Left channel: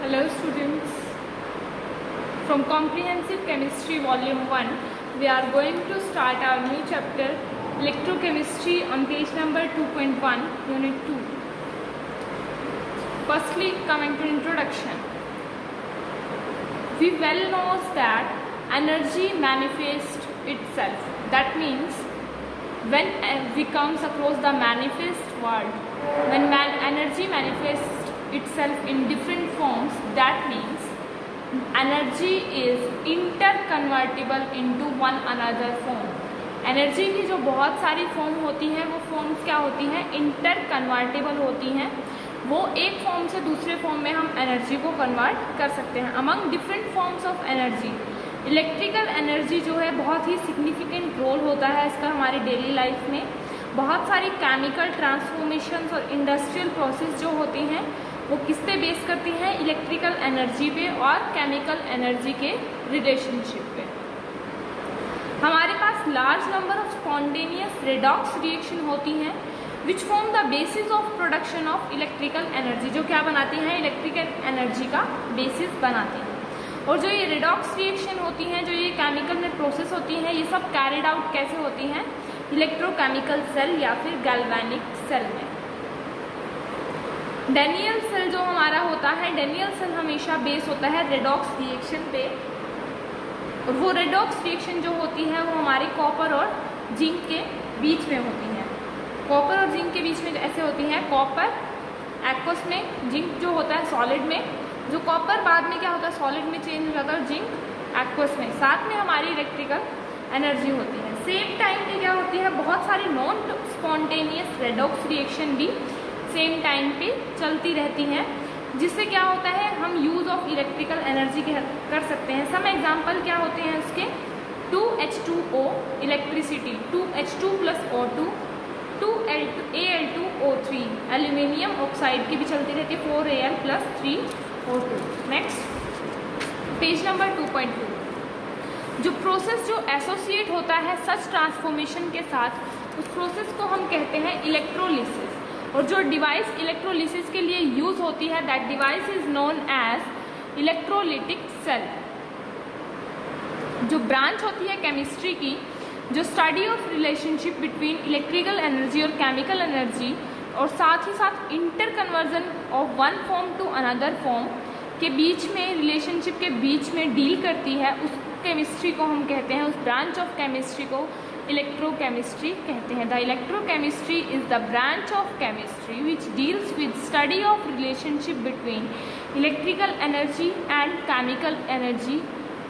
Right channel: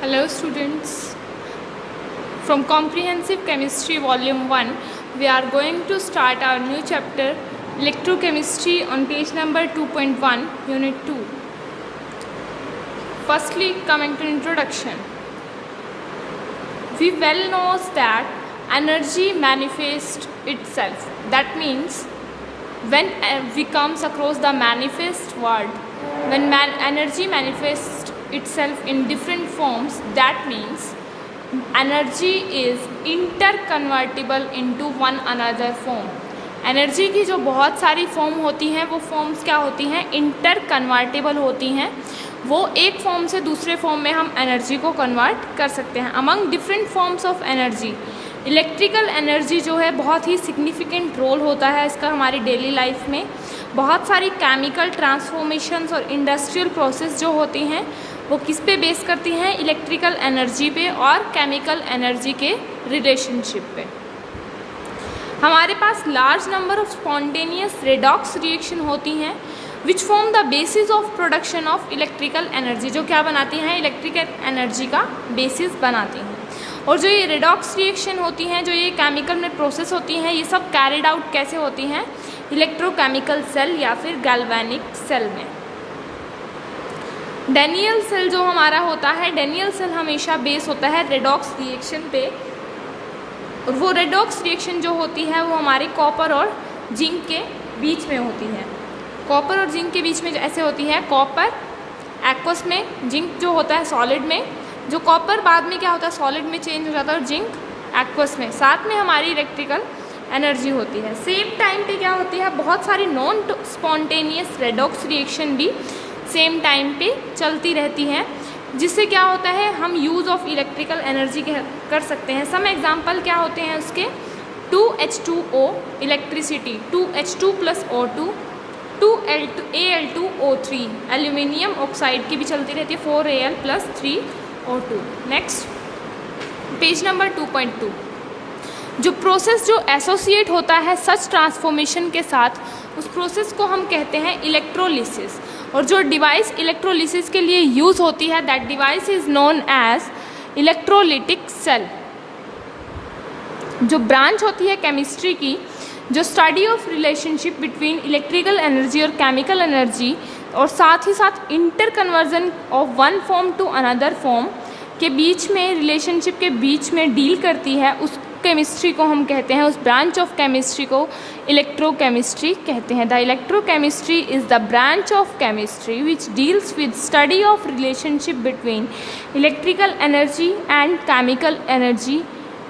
Hello students, from Comprehensive Chemistry Volume 1, we are going to start our new chapter Electrochemistry on page number 2.1, Unit 2. Firstly, coming to introduction. We well know that energy manifests itself. That means when we comes across the manifest word, when energy manifests itself in different forms, that means energy is interconvertible into one another form. Energy की जो बहुत सारी form होती हैं वो forms क्या होती हैं, इंटरकन्वर्टिबल होती हैं. वो एक फॉर्म से दूसरे फॉर्म में हम एनर्जी को कन्वर्ट कर सकते हैं. Among different forms of energy electrical energy जो है बहुत ही सिग्निफिकेंट रोल होता है इसका हमारी डेली लाइफ में. बहुत सारी केमिकल ट्रांसफॉर्मेशंस और इंडस्ट्रियल प्रोसेस जो होती हैं वो किस पे बेस करती हैं, इलेक्ट्रिकल एनर्जी पे और केमिकल एनर्जी के रिलेशनशिप पे. हमारे पास large number of spontaneous redox reaction होती हैं which form the basis of production of electrical energy, जो क्या बनाती हैं, इलेक्ट्रिकल एनर्जी का बेसिस बनाती हैं. और जो ये रेडॉक्स रिएक्शन होती हैं, जो ये केमिकल में प्रोसेस होती हैं, ये सब कैरिड आउट कैसे होती हैं, इलेक्ट्रोकेमिकल सेल या फिर गैल्वेनिक सेल में. डेनियल सेल जो हमारा होता है, डेनियल सेल हमेशा बेस होता है रेडॉक्स रिएक्शन पे. और वो रेडॉक्स रिएक्शन जो होती है वो हमारे कॉपर और जिंक के बीच में होती है. कॉपर और जिंक के बीच में ऐसे होती है, कॉपर एक्वस में, जिंक जो होता है सॉलिड में. जो कॉपर बाद में क्या होता है, सॉलिड में चेंज हो जाता है और जिंक एक्वस में. साथ में हमारी इलेक्ट्रिकल एनर्जी होती है. सेम टाइम पे क्या होती है, बहुत सारी नॉन स्पॉन्टेनियस रेडॉक्स रिएक्शन भी सेम टाइम पे चलती रहती हैं, जिससे क्या होता है हम यूज़ ऑफ इलेक्ट्रिकल एनर्जी कर सकते हैं. सम एग्जांपल क्या होते हैं उसके, 2H2O electricity, 2H2 + O2, 2Al2O3 aluminium oxide की भी चलती रहती है, 4Al + 3O2. Next page number 2.2. जो प्रोसेस जो एसोसिएट होता है सच ट्रांसफॉर्मेशन के साथ, उस प्रोसेस को हम कहते हैं इलेक्ट्रोलिसिस. और जो डिवाइस इलेक्ट्रोलिसिस के लिए यूज़ होती है, that device is known as electrolytic cell. जो ब्रांच होती है केमिस्ट्री की, जो study of relationship between electrical energy और केमिकल एनर्जी और साथ ही साथ inter conversion of one form to another form के बीच में, रिलेशनशिप के बीच में डील करती है, उस केमिस्ट्री को हम कहते हैं, उस ब्रांच ऑफ केमिस्ट्री को इलेक्ट्रोकेमिस्ट्री कहते हैं. The electrochemistry is the branch of chemistry which deals with study of relationship between electrical energy and chemical energy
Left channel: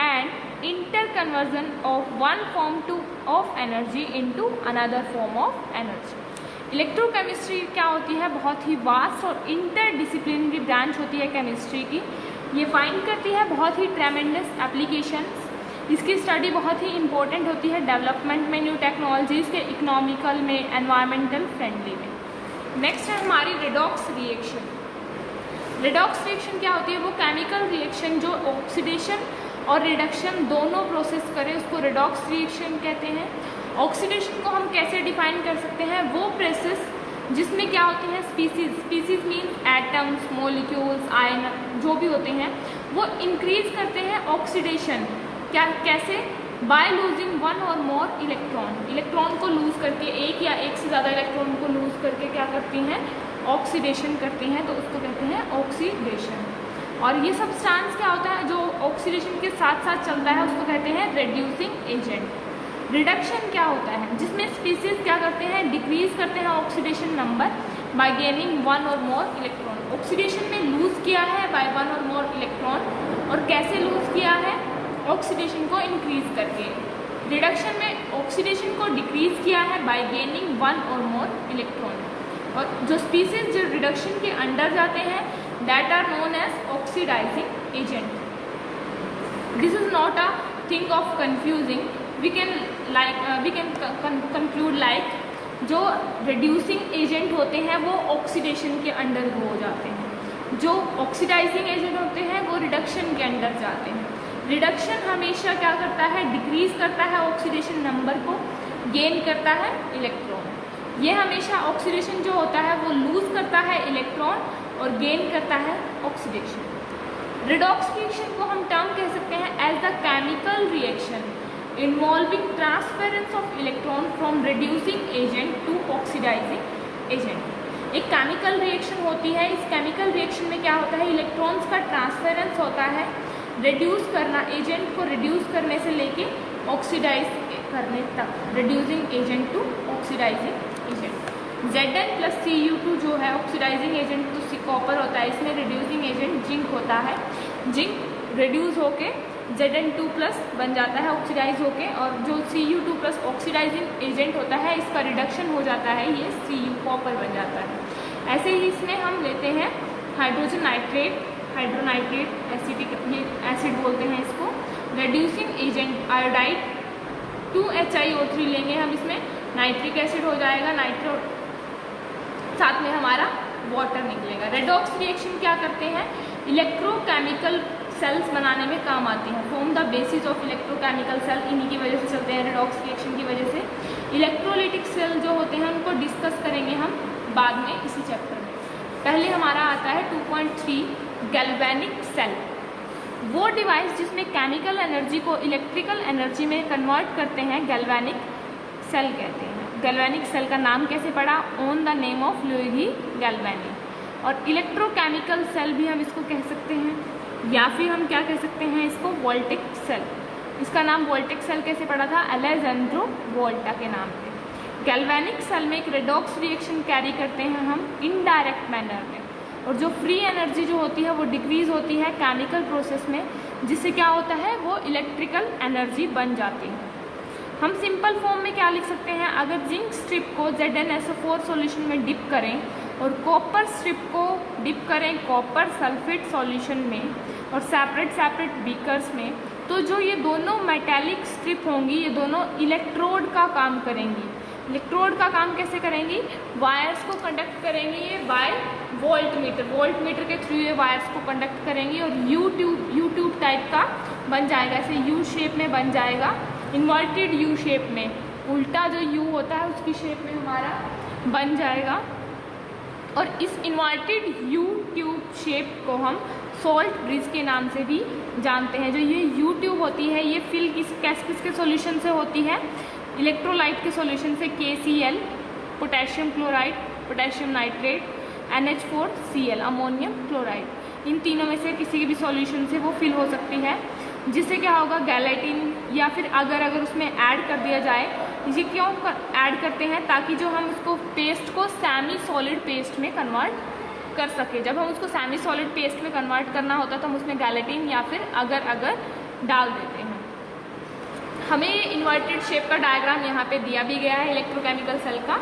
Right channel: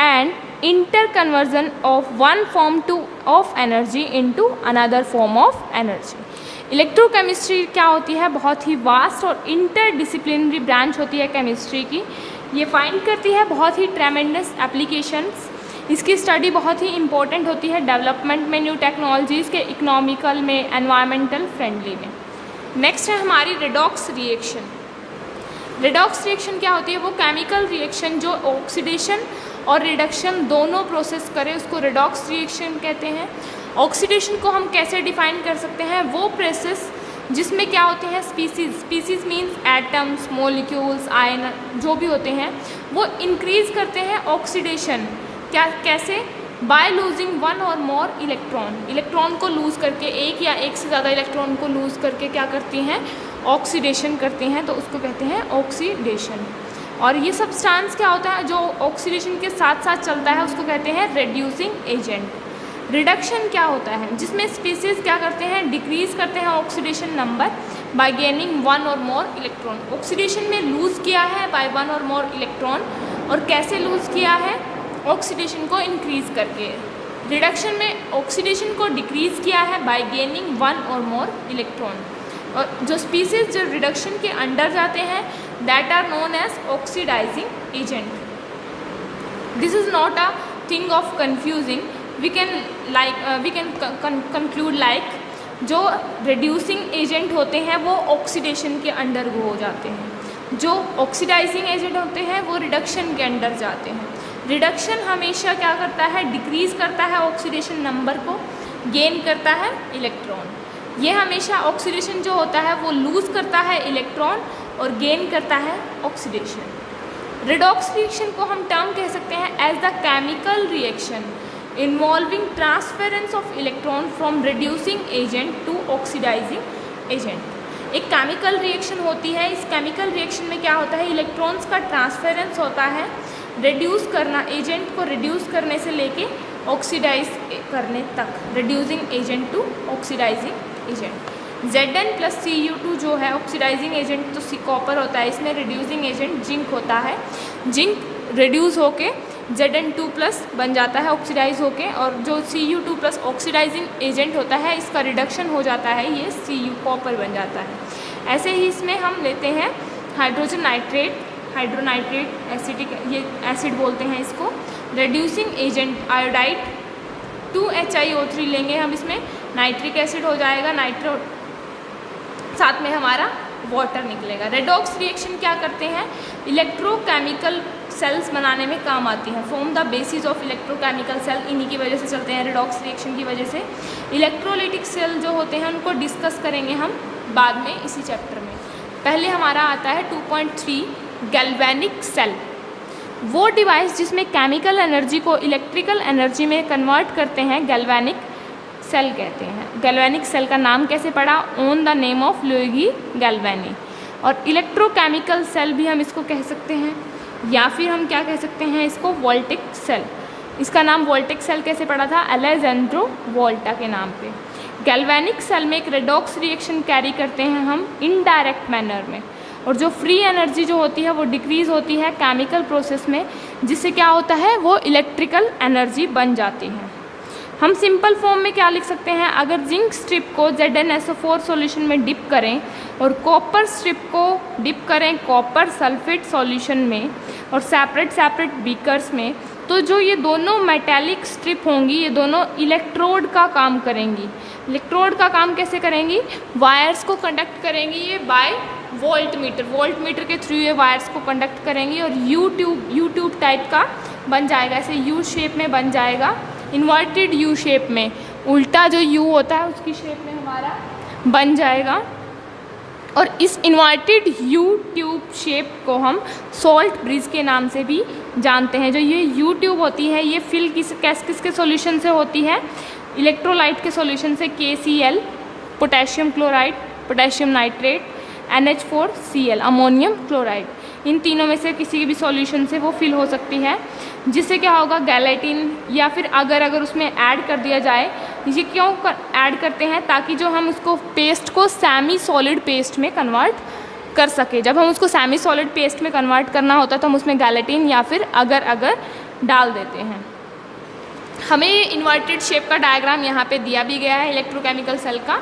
and inter conversion of one form of energy into another form of energy. Electrochemistry क्या होती है, बहुत ही vast और interdisciplinary branch होती है chemistry की. ये find करती है बहुत ही ट्रेमेंडस एप्लीकेशंस. इसकी स्टडी बहुत ही इंपॉर्टेंट होती है डेवलपमेंट में, न्यू टेक्नोलॉजीज़ के, इकोनॉमिकल में, एनवायरमेंटल फ्रेंडली में. नेक्स्ट है हमारी रेडॉक्स रिएक्शन. रेडॉक्स रिएक्शन क्या होती है, वो केमिकल रिएक्शन जो ऑक्सीडेशन और रिडक्शन दोनों प्रोसेस करे उसको रेडॉक्स रिएक्शन कहते हैं. ऑक्सीडेशन को हम कैसे डिफाइन कर सकते हैं, वो प्रोसेस जिसमें क्या होते हैं, species means atoms, molecules, ion जो भी होते हैं, वो इंक्रीज करते हैं ऑक्सीडेशन. क्या, कैसे, बाय लूजिंग वन और मोर इलेक्ट्रॉन. इलेक्ट्रॉन को लूज़ करके, एक या एक से ज़्यादा इलेक्ट्रॉन को लूज़ करके क्या करती हैं, ऑक्सीडेशन करते हैं, तो उसको कहते हैं ऑक्सीडेशन. और ये सब्सटेंस क्या होता है जो ऑक्सीडेशन के साथ साथ चलता है, उसको कहते हैं रेड्यूसिंग एजेंट. रिडक्शन क्या होता है, जिसमें स्पीसीज क्या करते हैं, डिक्रीज करते हैं oxidation number by gaining one और मोर इलेक्ट्रॉन. ऑक्सीडेशन में लूज़ किया है बाय वन और मोर इलेक्ट्रॉन, और कैसे लूज़ किया है, ऑक्सीडेशन को इंक्रीज करके. रिडक्शन में ऑक्सीडेशन को डिक्रीज किया है बाय गेनिंग वन और मोर इलेक्ट्रॉन. और जो स्पीसीज जो रिडक्शन के अंडर जाते हैं, that are known as oxidising agent. This is not a thing of confusing. we can conclude like जो reducing एजेंट होते हैं वो ऑक्सीडेशन के अंडर हो जाते हैं, जो ऑक्सीडाइजिंग एजेंट होते हैं वो रिडक्शन के अंडर जाते हैं. रिडक्शन हमेशा क्या करता है, डिक्रीज करता है ऑक्सीडेशन नंबर को, गेन करता है इलेक्ट्रॉन. ये हमेशा ऑक्सीडेशन जो होता है वो लूज़ करता है इलेक्ट्रॉन और गेन करता है ऑक्सीडेशन. रिडॉक्स रिएक्शन को हम टर्म कह सकते हैं as the chemical reaction involving transference of electron from reducing agent to oxidising agent. एक केमिकल रिएक्शन होती है, इस केमिकल रिएक्शन में क्या होता है, इलेक्ट्रॉन्स का ट्रांसफरेंस होता है, रिड्यूस करना, एजेंट को रिड्यूस करने से लेके ऑक्सीडाइज करने तक, reducing agent to oxidising agent. Zn plus Cu2 जो है ऑक्सीडाइजिंग एजेंट तो कॉपर होता है, इसमें रिड्यूसिंग एजेंट जिंक होता है। जिंक रिड्यूस होके Zn2 प्लस बन जाता है ऑक्सीडाइज होके, और जो Cu2 प्लस ऑक्सीडाइजिंग एजेंट होता है इसका रिडक्शन हो जाता है, ये Cu कॉपर बन जाता है। ऐसे ही इसमें हम लेते हैं हाइड्रोजन नाइट्रेट, हाइड्रोनाइट्रेट एसिडिक, ये एसिड बोलते हैं इसको। रिड्यूसिंग एजेंट आयोडाइड 2HiO3 लेंगे हम, इसमें नाइट्रिक एसिड हो जाएगा, नाइट्रो साथ में हमारा वाटर निकलेगा। रेडॉक्स रिएक्शन क्या करते हैं, इलेक्ट्रोकेमिकल सेल्स बनाने में काम आती हैं। Form the basis of electrochemical cell, इन्हीं की वजह से चलते हैं रेडॉक्स रिएक्शन की वजह से। इलेक्ट्रोलाइटिक सेल जो होते हैं उनको डिस्कस करेंगे हम बाद में इसी चैप्टर में। पहले हमारा आता है 2.3 गैल्वेनिक सेल, वो डिवाइस जिसमें केमिकल एनर्जी को इलेक्ट्रिकल एनर्जी में कन्वर्ट करते हैं, गैल्वेनिक सेल कहते हैं। गैल्वेनिक सेल का नाम कैसे पड़ा, on the name of Luigi Galvani. और इलेक्ट्रोकेमिकल सेल भी हम इसको कह सकते हैं, या फिर हम क्या कह सकते हैं इसको, वोल्टिक सेल। इसका नाम वोल्टिक सेल कैसे पड़ा था, अलेजेंड्रो वोल्टा के नाम पे। गैल्वेनिक सेल में एक रेडॉक्स रिएक्शन कैरी करते हैं हम इनडायरेक्ट मैनर में, और जो फ्री एनर्जी जो होती है वो डिक्रीज़ होती है केमिकल प्रोसेस में, जिससे क्या होता है वो इलेक्ट्रिकल एनर्जी बन जाती है। हम सिंपल फॉर्म में क्या लिख सकते हैं, अगर जिंक स्ट्रिप को ZnSO4 सॉल्यूशन में डिप करें और कॉपर स्ट्रिप को डिप करें कॉपर सल्फेट सॉल्यूशन में और सेपरेट बीकर्स में, तो जो ये दोनों मेटेलिक स्ट्रिप होंगी ये दोनों इलेक्ट्रोड का काम करेंगी। इलेक्ट्रोड का काम कैसे करेंगी, वायर्स को कंडक्ट करेंगी ये बाय वोल्ट मीटर के थ्रू ये वायर्स को कंडक्ट करेंगी, और यू ट्यूब टाइप का बन जाएगा, ऐसे यू शेप में बन जाएगा, इन्वर्टेड यू शेप में, उल्टा जो यू होता है उसकी शेप में हमारा बन जाएगा। और इस इन्वर्टेड यू ट्यूब शेप को हम सॉल्ट ब्रिज के नाम से भी जानते हैं। जो ये यू ट्यूब होती है ये फिल किसके सॉल्यूशन से होती है, इलेक्ट्रोलाइट के सॉल्यूशन से, KCl potassium chloride, potassium nitrate, NH4Cl ammonium chloride, इन तीनों में से किसी भी सॉल्यूशन से वो फिल हो सकती है। जिससे क्या होगा, गैलेटिन, या फिर अगर उसमें ऐड कर दिया जाए, ये क्यों ऐड करते हैं, ताकि जो हम उसको पेस्ट को सेमी सॉलिड पेस्ट में कन्वर्ट कर सके। जब हम उसको सेमी सॉलिड पेस्ट में कन्वर्ट करना होता है तो हम उसमें गैलेटिन या फिर अगर डाल देते हैं। हमें ये इन्वर्टेड शेप का डायग्राम यहाँ पे दिया भी गया है इलेक्ट्रोकेमिकल सेल का,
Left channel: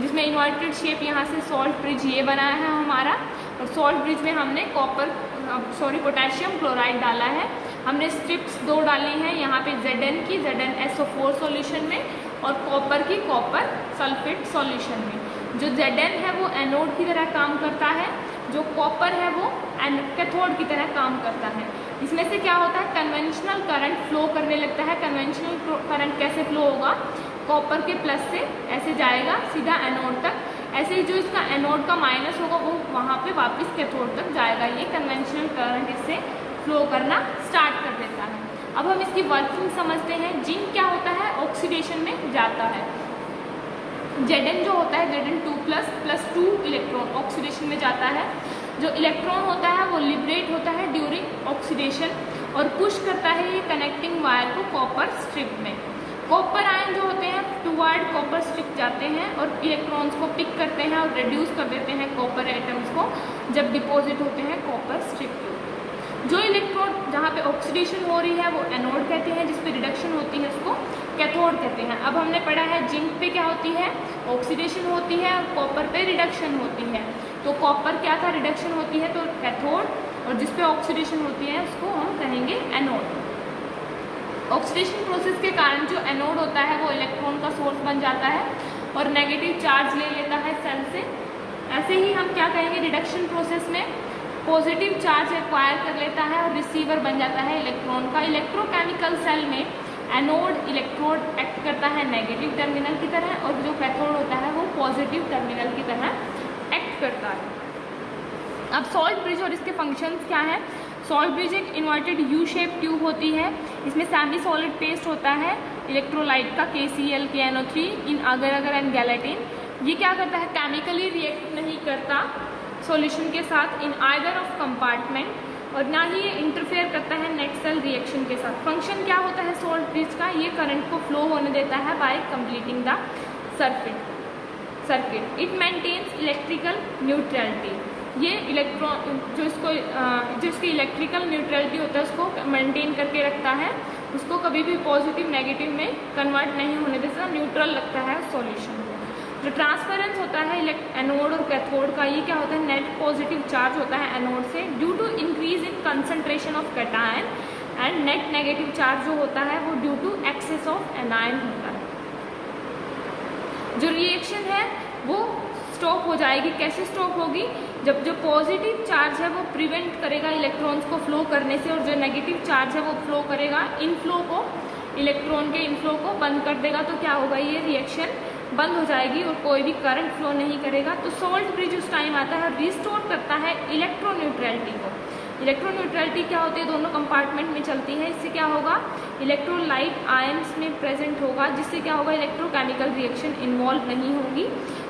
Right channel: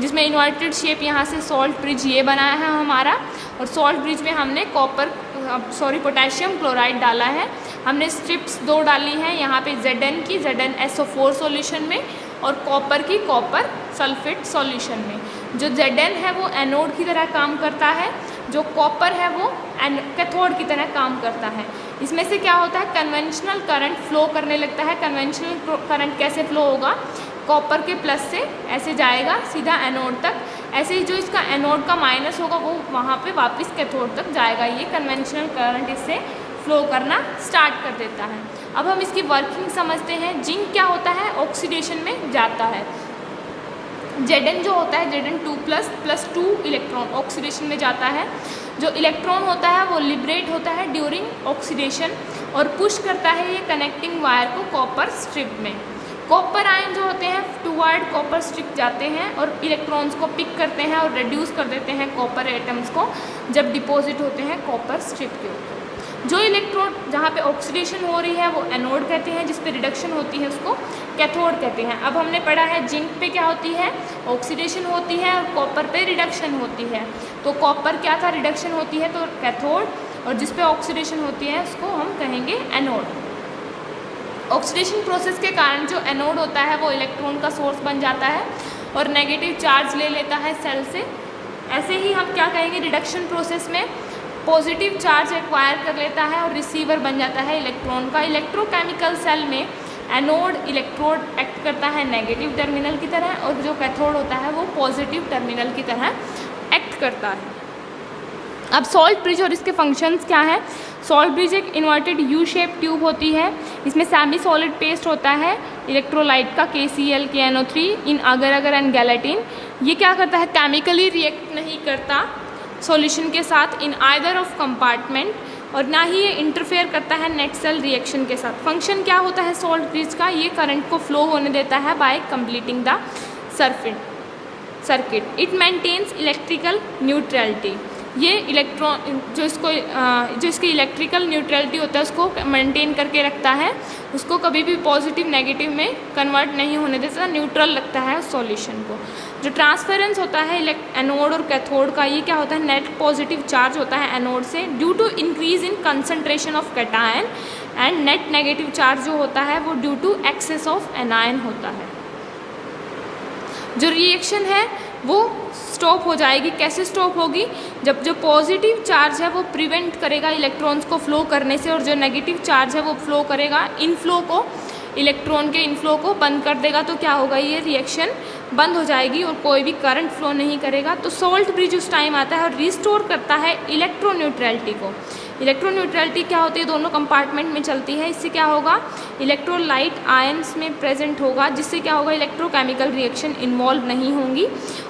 जिसमें इन्वर्टेड शेप यहाँ से सॉल्ट ब्रिज ये बनाया है हमारा, और सॉल्ट ब्रिज में हमने पोटेशियम क्लोराइड डाला है। हमने स्ट्रिप्स 2 डाली हैं यहाँ पे, Zn की ZnSO4 सॉल्यूशन में, और कॉपर की कॉपर सल्फेट सॉल्यूशन में। जो Zn है वो एनोड की तरह काम करता है, जो कॉपर है वो कैथोड की तरह काम करता है। इसमें से क्या होता है, कन्वेंशनल करंट फ्लो करने लगता है। कन्वेंशनल करंट कैसे फ्लो होगा, कॉपर के प्लस से ऐसे जाएगा सीधा एनोड तक, ऐसे ही जो इसका एनोड का माइनस होगा वो वहाँ पे वापस कैथोड तक जाएगा। ये कन्वेंशनल करंट इससे फ्लो करना स्टार्ट कर देता है। अब हम इसकी वर्किंग समझते हैं। जिंक क्या होता है, ऑक्सीडेशन में जाता है। Zn जो होता है Zn2 प्लस 2 इलेक्ट्रॉन ऑक्सीडेशन में जाता है। जो इलेक्ट्रॉन होता है वो लिबरेट होता है ड्यूरिंग ऑक्सीडेशन और पुश करता है ये कनेक्टिंग वायर को कॉपर स्ट्रिप में। कॉपर आयन जो होते हैं टूवर्ड कॉपर स्ट्रिप जाते हैं और इलेक्ट्रॉन्स को पिक करते हैं और रिड्यूस कर देते हैं कॉपर एटम्स को जब डिपॉजिट होते हैं कॉपर स्ट्रिप के ऊपर। जो इलेक्ट्रॉन जहाँ पे ऑक्सीडेशन हो रही है वो एनोड कहते हैं, जिस पे रिडक्शन होती है उसको कैथोड कहते हैं। अब हमने पढ़ा है जिंक पे क्या होती है, ऑक्सीडेशन होती है, और कॉपर पे रिडक्शन होती है। तो कॉपर क्या था, रिडक्शन होती है तो कैथोड, और जिस पे ऑक्सीडेशन होती है उसको हम कहेंगे एनोड। ऑक्सीडेशन प्रोसेस के कारण जो एनोड होता है वो इलेक्ट्रॉन का सोर्स बन जाता है और नेगेटिव चार्ज ले लेता है सेल से। ऐसे ही हम क्या कहेंगे, रिडक्शन प्रोसेस में पॉजिटिव चार्ज एक्वायर कर लेता है और रिसीवर बन जाता है इलेक्ट्रॉन का। इलेक्ट्रोकेमिकल सेल में एनोड इलेक्ट्रोड एक्ट करता है नेगेटिव टर्मिनल की तरह, और जो कैथोड होता है वो पॉजिटिव टर्मिनल की तरह एक्ट करता है। अब सॉल्ट ब्रिज और इसके फंक्शंस क्या है। सॉल्ट ब्रिज एक इन्वर्टेड यू शेप ट्यूब होती है, इसमें सेमी सॉलिड पेस्ट होता है इलेक्ट्रोलाइट का KCl KNO3 इन अगर अगर एंड गैलेटिन। ये क्या करता है, केमिकली रिएक्ट नहीं करता सॉल्यूशन के साथ इन आइदर ऑफ कंपार्टमेंट, और ना ही ये इंटरफेयर करता है नेट सेल रिएक्शन के साथ। फंक्शन क्या होता है सॉल्ट ब्रिज का, ये करंट को फ्लो होने देता है by completing the circuit. It maintains electrical neutrality, ये इलेक्ट्रॉन जो इसकी इलेक्ट्रिकल न्यूट्रलिटी होता है उसको मेंटेन करके रखता है, उसको कभी भी पॉजिटिव नेगेटिव में कन्वर्ट नहीं होने देता, न्यूट्रल रखता है उस सॉल्यूशन को। जो ट्रांसफेरेंस होता है एनोड और कैथोड का, ये क्या होता है, नेट पॉजिटिव चार्ज होता है एनोड से due to increase in concentration of cation, and net negative charge जो होता है वो due to excess of anion होता है। जो रिएक्शन है वो स्टॉप हो जाएगी। कैसे स्टॉप होगी, जब जो पॉजिटिव चार्ज है वो प्रिवेंट करेगा इलेक्ट्रॉन्स को फ्लो करने से, और जो नेगेटिव चार्ज है वो फ्लो करेगा इनफ्लो को, इलेक्ट्रॉन के इनफ्लो को बंद कर देगा। तो क्या होगा, ये रिएक्शन बंद हो जाएगी और कोई भी करंट फ्लो नहीं करेगा। तो सॉल्ट ब्रिज उस टाइम आता है और रिस्टोर करता है इलेक्ट्रोन्यूट्रलिटी को। इलेक्ट्रोन्यूट्रलिटी क्या होती है, दोनों कंपार्टमेंट में चलती है। इससे क्या होगा, इलेक्ट्रोलाइट आयंस में प्रेजेंट होगा, जिससे क्या होगा, इलेक्ट्रोकेमिकल रिएक्शन इन्वॉल्व नहीं होंगी,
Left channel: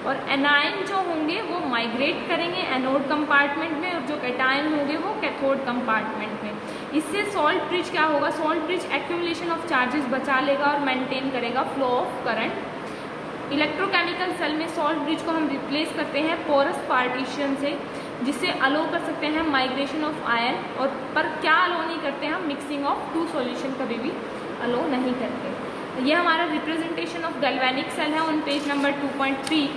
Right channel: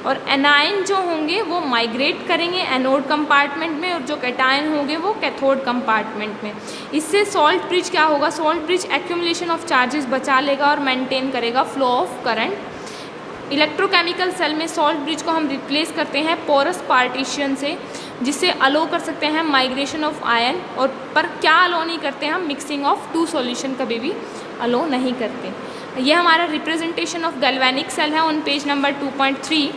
और एनायन जो होंगे वो माइग्रेट करेंगे एनोड कंपार्टमेंट में, और जो कैटायन होंगे वो कैथोड कंपार्टमेंट में। इससे सॉल्ट ब्रिज क्या होगा, salt bridge accumulation of charges बचा लेगा और मेंटेन करेगा flow of current. Electrochemical cell में सॉल्ट ब्रिज को हम रिप्लेस करते हैं पोरस पार्टीशन से, जिससे अलो कर सकते हैं माइग्रेशन ऑफ आयन, और पर क्या अलो नहीं करते हम, मिक्सिंग ऑफ टू सॉल्यूशन कभी भी अलो नहीं करते। ये हमारा रिप्रेजेंटेशन ऑफ गैल्वेनिक सेल है on page number 2.3।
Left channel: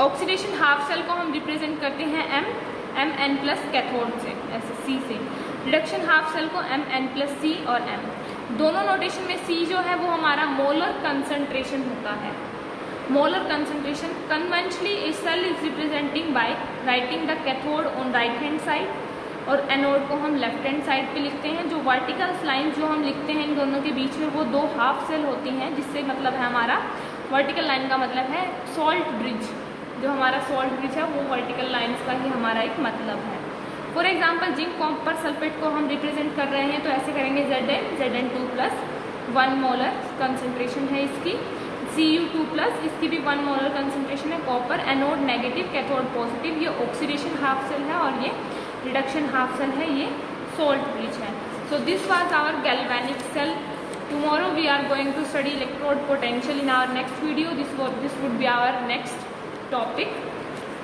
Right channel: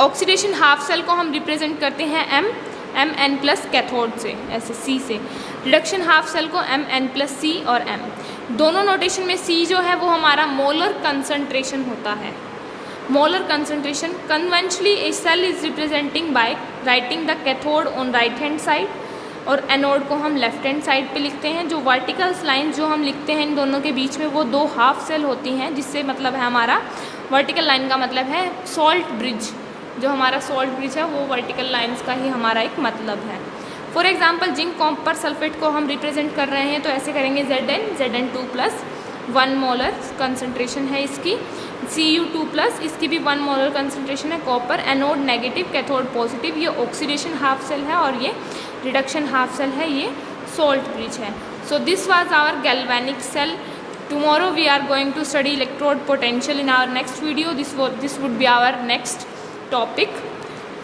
Oxidation half cell को हम रिप्रेजेंट करते हैं Mn+ कैथोड से, ऐसे C से। रिडक्शन हाफ सेल को Mn+C और M। दोनों नोटेशन में C जो है वो हमारा मोलर कंसंट्रेशन होता है। Molar concentration conventionally a cell is representing by writing the cathode on right hand side, और एनोड को हम लेफ्ट हैंड साइड पे लिखते हैं। जो वर्टिकल्स लाइन जो हम लिखते हैं इन दोनों के बीच में, वो दो हाफ सेल होती हैं, जिससे मतलब है हमारा वर्टिकल लाइन का मतलब है सॉल्ट ब्रिज। जो हमारा सॉल्ट ब्रिज है वो वर्टिकल लाइंस का ही हमारा एक मतलब है। For example zinc copper sulphate को हम रिप्रेजेंट कर रहे हैं तो ऐसे करेंगे Zn2+, 1 मोलर कंसंट्रेशन है इसकी। Cu2+, इसकी भी 1 मोलर कंसंट्रेशन है। Copper anode negative, cathode positive. ये ऑक्सीडेशन हाफ सेल है और ये रिडक्शन हाफ सेल है, ये सॉल्ट ब्रिज है। So this was our galvanic cell. Tomorrow we are going to study electrode potential in our next video. This would be our next topic.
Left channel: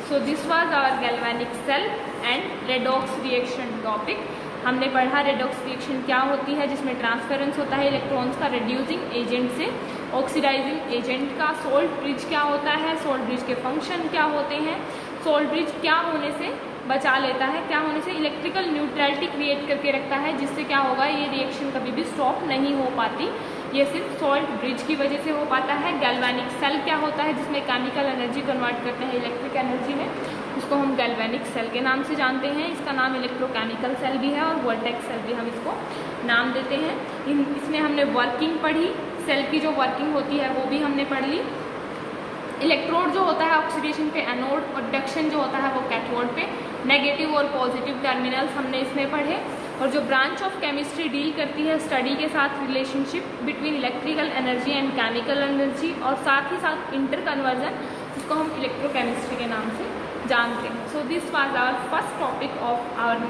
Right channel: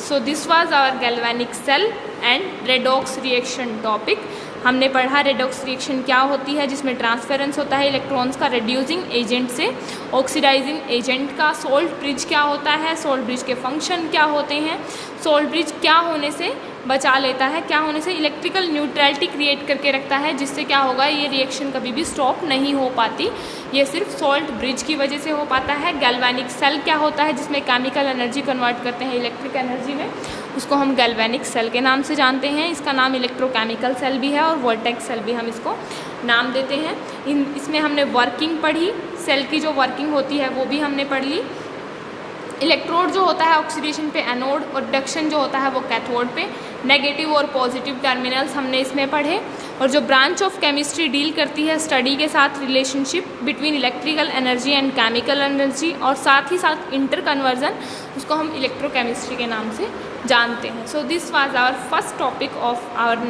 So this was our galvanic cell and redox reaction topic. हमने पढ़ा redox reaction क्या होती है, जिसमें transference होता है electrons का reducing agent से ऑक्सीडाइजिंग एजेंट का। सॉल्ट ब्रिज क्या होता है, सॉल्ट ब्रिज के फंक्शन क्या होते हैं, सॉल्ट ब्रिज क्या होने से बचा लेता है, क्या होने से इलेक्ट्रिकल न्यूट्रलिटी क्रिएट करके रखता है, जिससे क्या होगा, ये रिएक्शन कभी भी स्टॉप नहीं हो पाती। ये सिर्फ सॉल्ट ब्रिज की वजह से हो पाता है। गैल्वेनिक सेल क्या होता है, जिसमें केमिकल एनर्जी कन्वर्ट करते हैं इलेक्ट्रिक एनर्जी में, उसको हम गैल्वेनिक सेल के नाम से जानते हैं। इसका नाम इलेक्ट्रोकेमिकल सेल भी है और वोल्टेक्स सेल भी हम इसको नाम देते हैं। इसमें हमने वर्किंग पढ़ी, सेल की जो वर्किंग होती है वो भी हमने पढ़ ली। इलेक्ट्रोड जो होता है ऑक्सीडेशन पे एनोड, और रिडक्शन जो होता है वो कैथोड पे। नेगेटिव और पॉजिटिव टर्मिनल्स हमने इसमें पढ़े। और जो ब्रांच ऑफ केमिस्ट्री डील करती है स्टडी के साथ relationship between electrical energy and chemical energy, और साथ ही साथ इंटर कन्वर्जन, उसको हम इलेक्ट्रोकेमिस्ट्री के नाम से जानते हैं। So this was our first topic of our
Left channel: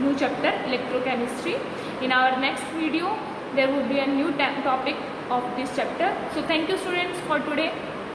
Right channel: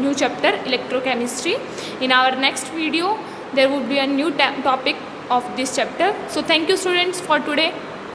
new chapter electrochemistry. In our next video there would be a new topic of this chapter. So thank you students for today.